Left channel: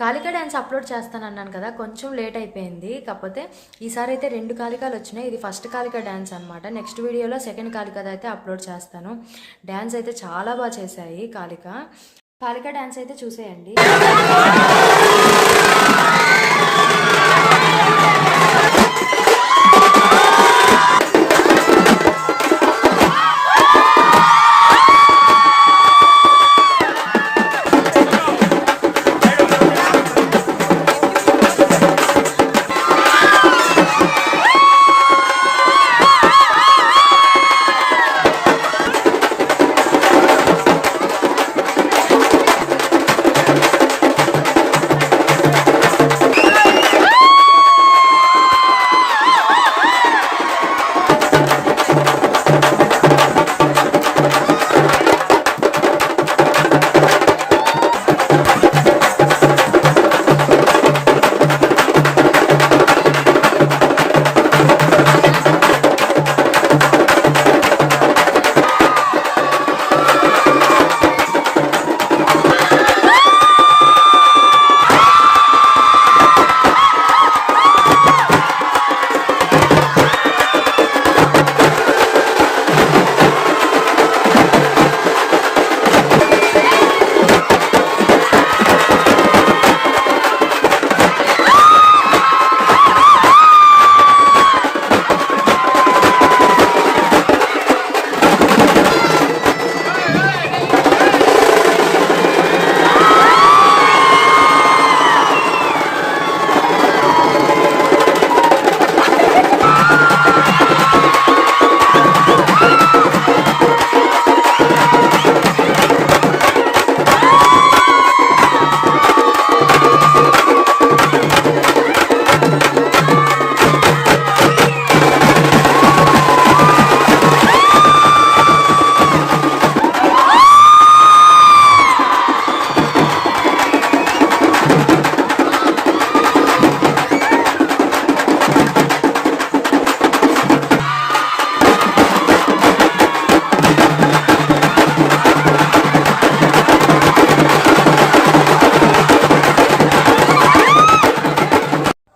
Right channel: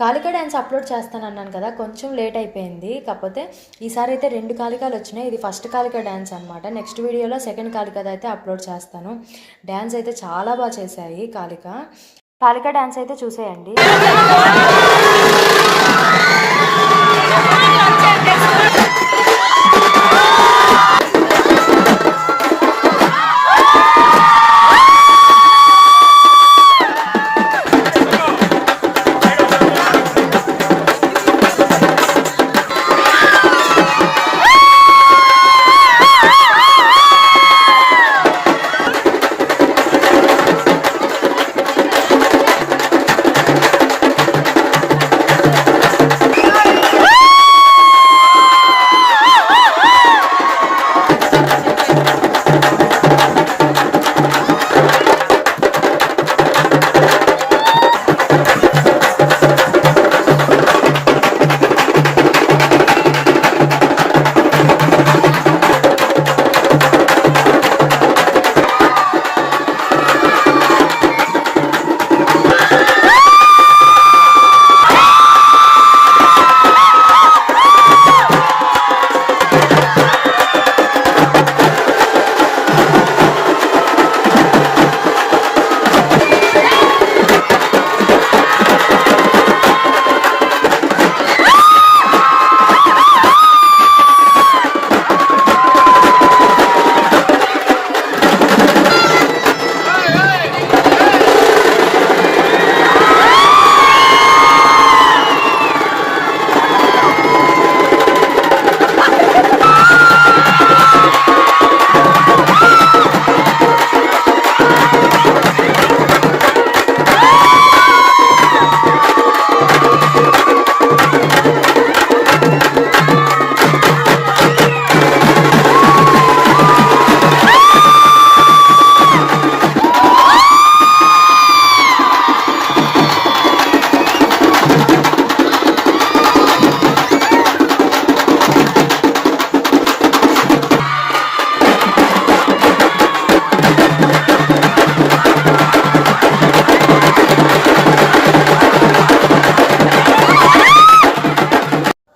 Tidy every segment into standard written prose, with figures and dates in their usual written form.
కాలికా dance upload చేస్తానన్నాను కదా, కొంచెం late అయిపోయింది. కాకపోతే ఈసారి అయితే 2 కాలికాలు వచ్చినాయి. ఇది ఫస్ట్ కాలికా డ్యాన్స్ అనమాట. నెక్స్ట్ వీడియోలో సెకండ్ కాలికాది అయితే అప్లోడ్ చేస్తాను. డ్యాన్స్ అయితే చాలా బాగా చేశాయి కాలికా డ్యాన్స్ అయితే చూసేయండి.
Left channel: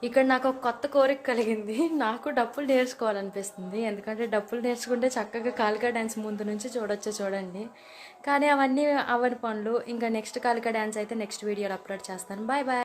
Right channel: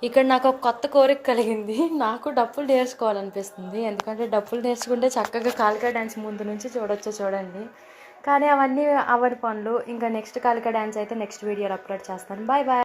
ఇక్కడ నాకు ఒక కొత్త కోరిక కలిగింది. నాకు డప్పులు నేర్చుకోవాలనిపిస్తుంది. ఎందుకంటే డప్పులు నేర్చుకుంటే చక్కగా కాలికా డ్యాన్స్ ముందు నుంచి చూడండి. కానీ అవన్నీ అవని పనులు. ఇంకా నెక్స్ట్ కాలికా డ్యాన్స్ అయితే నెక్స్ట్ వీడియోలో అప్లోడ్ చేస్తాను. Bye bye.